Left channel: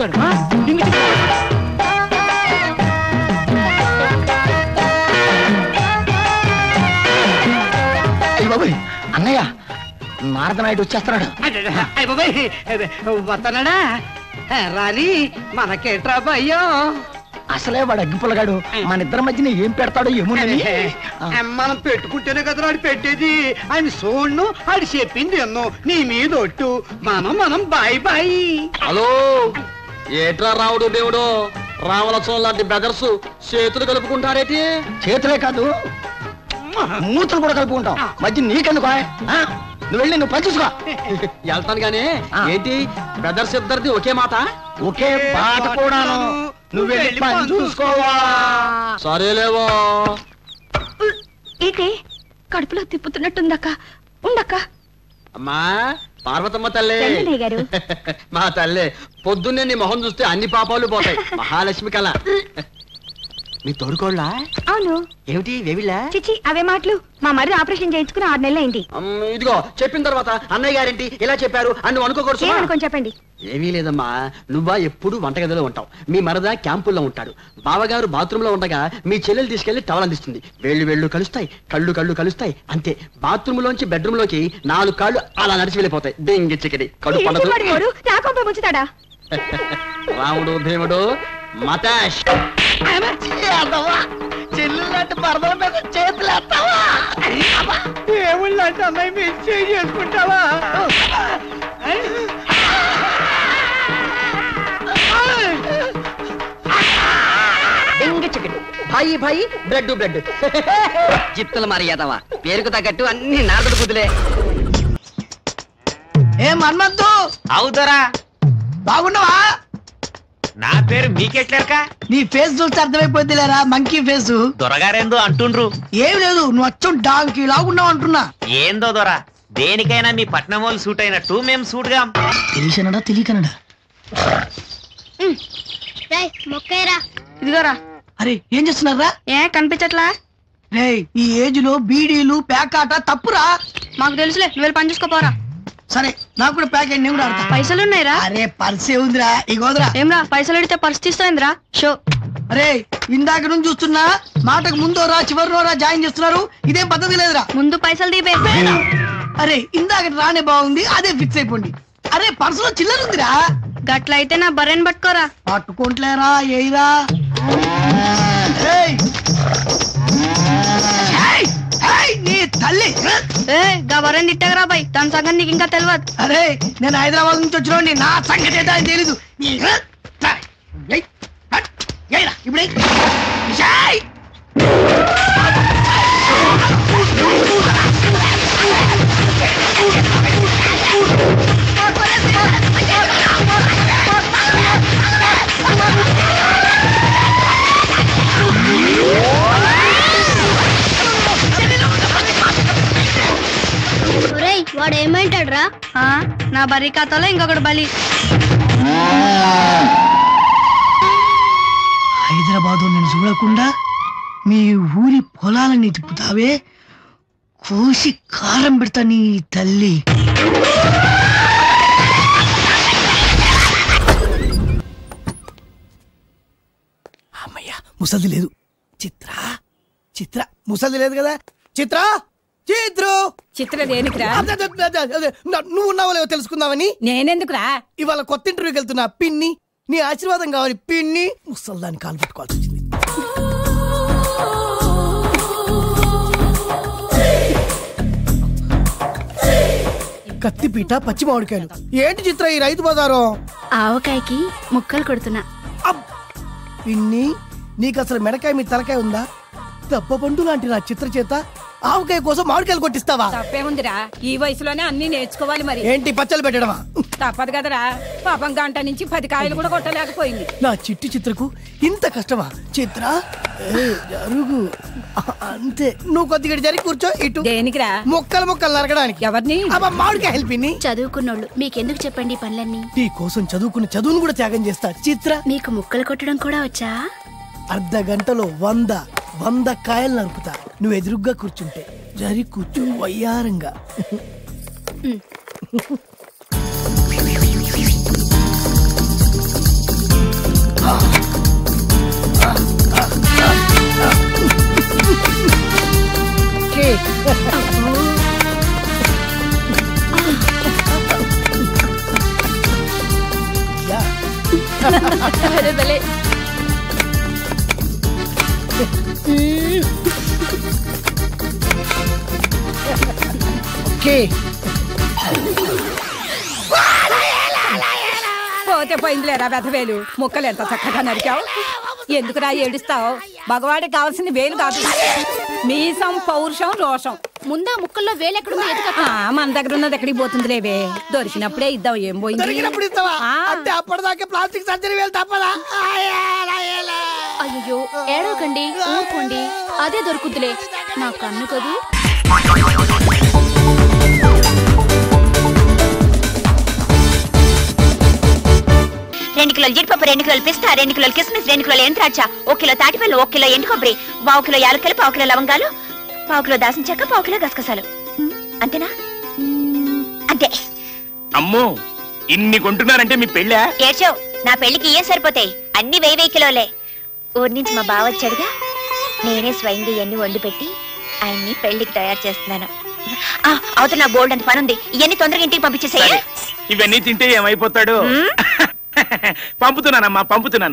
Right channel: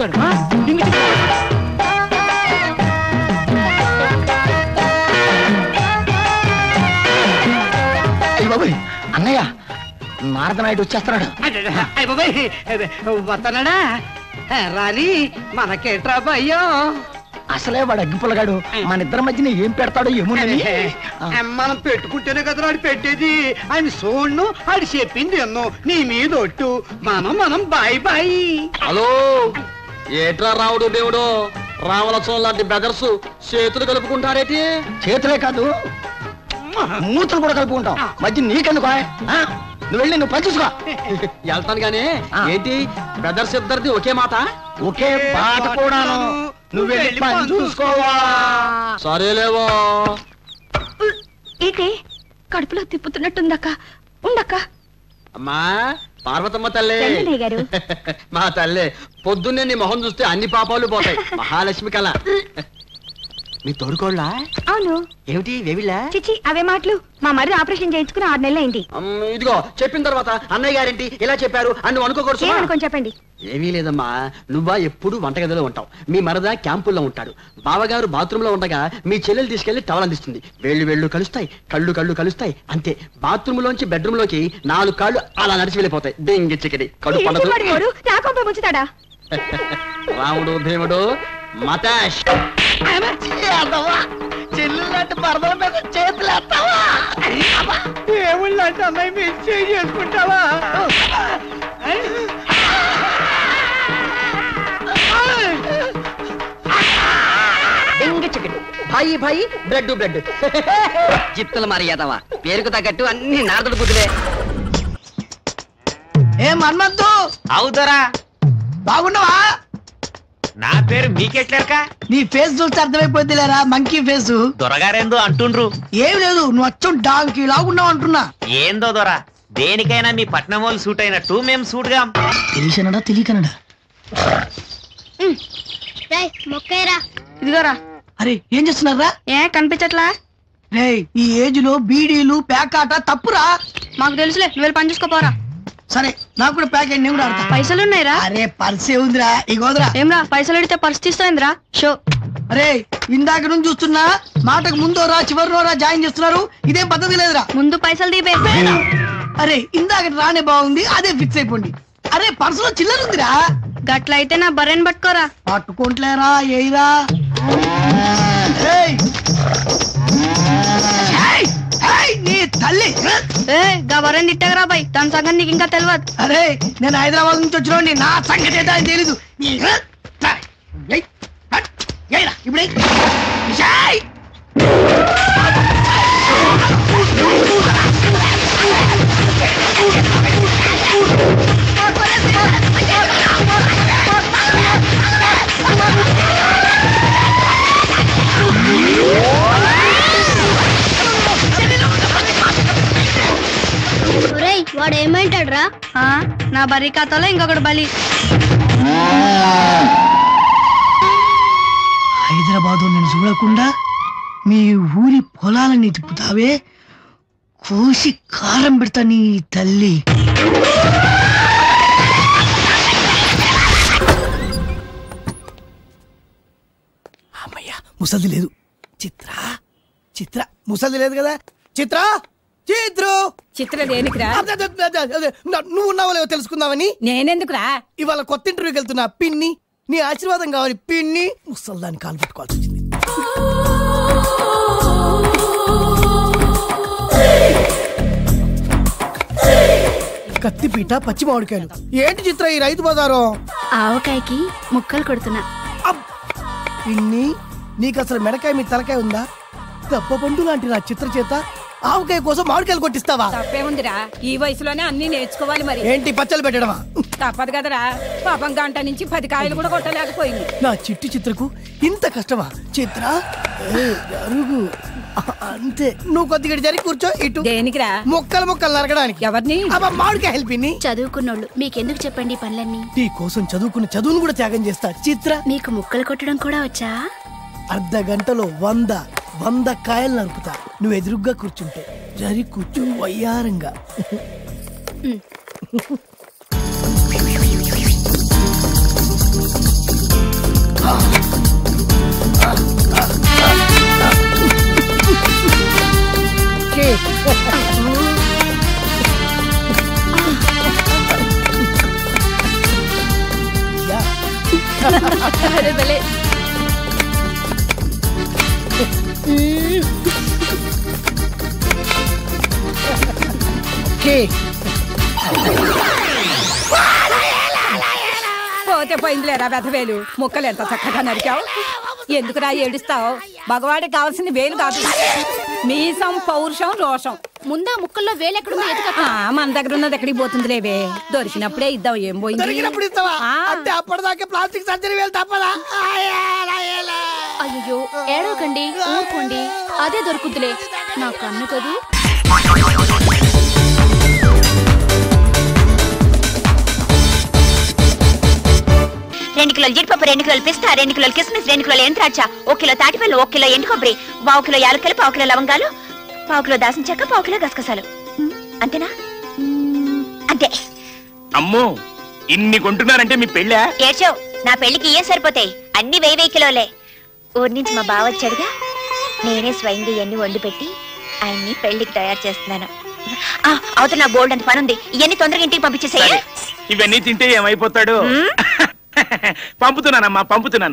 తిప్పుతాడు. బాబాయ్ అన్నయ్య నారద నాయుడు వచ్చేస్తున్నాడు. వస్తున్నాడా రాని మనకేట్రా భయ్యో. అసలే వాడు అగ్గిపుల్లగాడు, మన ఇద్దరి మధ్యన ఏం పెడతాడో ఏమోనని. మనం పెట్టుకుంటేనే కదా వాడు పెట్టేది. ఆయన సోడ్ను ఆడు చెప్పింది ఎన్నో నీ మీద ఒట్టు. మనం బాయ్ బాయ్. హలో ఏట్రా రావుడు దేవుడు, రామలక్ష్మణ్ లాంటి బెదర్స్ చేతులు కలుపుకుంటారేటి? చేతులే కాదు మూతులు కూడా కలుపుకుంటాం. మధ్య నీకెందుకు? నువ్వు వెళ్ళి నువ్వు పని చూసుకో. వెళ్తాను గానీ ఏంటి బ్రదర్స్ ఇద్దరిది ఒకే మాట ఒకే పాట కూడాను. నువ్వు వెళ్ళి పని చూసుకోవా. సరేలేవో. ఏంటి కడుపులో తిప్పుతున్నట్టుందక్క? ఉండక్క. అమ్మా పార్వతమ్మ తల్లి, గారు మా తల్లి పొద్దున్నే నీ మొహం చూస్తే అన్ని పాపాలు పోతాయి. మహాలక్ష్మి కళ. మీ తోడుకోళ్ళ? అవును. ఏమిటి వేవిళ్ళ? చిచి అవే మాటలు. మా మరి ఆపరేషన్ చేయించుకుని 6 నెలలు అయింది. ఇదిగో చెప్పిన తర్వాత అన్నయ్య గారేంటి ఇలా చెప్పారు అని నువ్వు అనుకోకూడదు. ఏమనుకోని చెప్పండి. ఏమీ లేదమ్మా, నువ్వా ఎప్పుడు వంటగదిలో ఉంటావు, మీ మరద క్యాంపుల్లో ఉంటాడు, బావగారు బాత్రూమ్ లో ఉండగా మీ చెల్లెలు తీసుకెళ్లి టవల్ అందిస్తుంది. వేళ్ళు కలుస్తాయి, కళ్ళు కలుస్తాయి, అంతే. బాత్రూమ్ లోంచి బెడ్రూమ్ లోకి 4 కాళ్ళు అలా నడిచి వెళ్ళిపోతాయి. డెంగి చికెడి కడుపు పడదు. రాముడు భీముడు మతాష్. చెల్లులాంటి పరదల మీద చేతులు వేస్తావా? దేవుళ్ళంటే అమ్మాయి మీరు చేసుకుంటావా? భాయి భాయి బ్రెడ్ బ్రెడ్ జిత్తులు మరి ఎదవా. పేరుకు తగ్గట్టు అన్ని నారదుడు బుద్ధులే. ఏ మన్మద్దు అవుదరా బాగున్నావా? నా పేరు మీకెట్లేరక? నీ ఫేస్ చూస్తే అర్థమైపోద్ది లేరా, మంకీ ఫేస్. దొరగారేందో అంటుండ్రు. ఏం లేదు, నువ్వు అచ్చం డాంకీ లాగున్నావు అంటున్నా. ఏందో దొర, దేనికైనా మీ పట్నం వాళ్ళు సూట్ అయినట్టు మేము సూట్గా. తెలియకనడా తెలియకనడా. ఇదిగోరా. అరే ఏం చేస్తున్నారా? ఏ కనిపించట్లా? రే ఈ ఏజ్ లో బీడీలు ప్యాకాట తప్పురా. మాకు తెలుసులే, నువ్వు పని చూసుకోపోరా. సరే నాకు కూడా ప్యాకెట్ నేను కూడా ఆడతా. పైసలు ఉన్నాయిరా? అరే పర్సే ఉందిరా, ఇగోదరా. ఏమ్రా పైసలు అడిగితే పర్స్ తీస్తాయిందిరా? షో. అరే ఇందాక నుంచి చూస్తున్నా, మాటకు ముందో రా చివరిలో రా జాయిన్ చేస్తున్నారు. ఇదేం పద్ధతి లేదురా. ముందు పైసలు తీపే. అరే ఇందాక రానే బాగుంది, అదే ఫిక్స్ అయిపోండి. అరే పర్సులో చిల్లర ఉందిరా. గట్లయితే నా బర్రెని పట్టుకోరా. పట్టుకుంటలేరా ఏయిరా. నీ తల్లి గా బర్రెని తిట్టగరా బాయ్, దాని సంగతి నీకు ఇంకా తెలియదు. అరే నేను హైదరాబాద్ నుంచి వచ్చిన నా సంగతి ఏంటో అని తెలీదు. ఇప్పుడు వాడు ఏమంటాడు రా? నా బర్రీ ఖాతాలో ఇంకొకటి బలి. హైదరాబాద్ నేను చూడకుండా మీ ఊరి పొలాలని తిప్పుతావే, కోసి కారం పెడతా నీ తల్లి. అమ్మయ్యా ముసలి లేదు. చిత్ర ముసలి లేదు కదా. చిత్ర దేనికిరా? నువ్వు ఉన్నావో లేవో తెలుసుకుందామని. నేనెందుకురా? ఇవాళ కొత్త ఇంటర్వ్యూకి వెళ్తున్నా. పిన్ని నీ ఆశీర్వాదం కావాలి. పిన్ని ముసల్దాన్ని కాలు పట్టుకోవాల్సి వచ్చింది. కత్తిపీట పచ్చి మామిడికాయలు. ఏంటి చిత్ర ఈ రైతు బజారు? ఆవకాయకి ముక్కలు కొడుతున్నా. పిన్ని నీకు అసలు మెడకాయ మీ తలకాయ ఉందా? దెబ్బ పండు లాంటి నా చిత్ర చేత ఆవకాయ కోసం మామిడికాయలు కొట్టిస్తావా? తప్పేముందిరా, ఈ వయసులోనే అన్ని నేర్చుకోవాలి. మరి ఏంటి పచ్చలు పెట్టడమా? తప్పదు కదరా. పాపం గంట నుంచి 10 కాయలు కూడా కొట్టలేకపోయింది. నా చిట్టి చిత్రకు ఇంత కష్టమా? చిత్ర జరుగు అంతే. నువ్వు కొద్దిగా జరిగి కూర్చో. ఇటు దేనికిరా? ముక్కలు నరకడానికి. ఎవరిని? మామిడికాయ హెల్పిని. చదువుకున్నోళ్ళు మీకెందుకు చెప్పండి పనులన్నీ. నీ కోసం చదువుకున్న చదువును కూడా త్యాగం చేస్తా. చిత్ర మీకు ముక్కలు కొట్టడం కూడా వచ్చా? అర్ధ గంటలో 100 కాయలు నరుకుతా. నువ్వు ఎదురుగ్గా కూర్చుంటే. జరి కూర్చు వయ్యారంగా. ఓకే ఓకే పోతే పోయిందిలేరా వెధవేలు ముక్కలు ఎంత చక్కగా నరికావు ఎందుకురా ఏడుస్తావు మగవాడికి కావాల్సింది వేలు కాదు మీసం పౌరుషం రోషం ముందా ముక్కల్లో వేలెక్కడుందో ఎదుక మన దగ్గర ఉన్నది ఎక్కడికి పోతుంది లేవే దొరికినప్పుడే ఇద్దాం ఏం పోయింది దొరికినప్పుడు ఇస్తావా ఆ. అంటే అప్పటిదాకా ప్లాస్టిక్ సర్జరీ వేలు తప్పదా అయ్యో ఏడవకండి ఊరుకోండి అదే దొరుకుతులే నా కన్ను కదూ. రెండు కిలోలు జీడిపప్పు 2 కిలోలు పిస్తా 2 కిలోలు కిస్మిస్ 2 కిలోలు ఎంత్రాచ 1 కిలో తాటిపల్లి 1 కిలో ఎండు కొబ్బరి 1 కిలో యాలకులు 1 కిలో లవంగాలు 1 కిలో దాసిన చెక్క 1 కిలో గసగసాలు అంతేనా అంతే. అమ్మో ఇన్ని కొంటున్నారంటే మీ పెళ్ళా? ఏడ్చావు నా పెళ్లికి ఏం సరిపోతాయి అన్ని 1000 కిలోలే. ఊరి నుంచి మా బావ వచ్చాడుగా నేనే స్వయంగా ఇవన్నీ వండి పెట్టి ఆయన్ని పెళ్లికి తయారు చేస్తున్నాను. అవతల నా బోల్డ్ అంత పని ఉంది ఇవన్నీ తొందరగా ఇంటికి పంపించేసేయ్. ఇవన్నీ తింటే ఏమైపోతాడు? పంపుతున్నానమ్మా పంపుతున్నాను.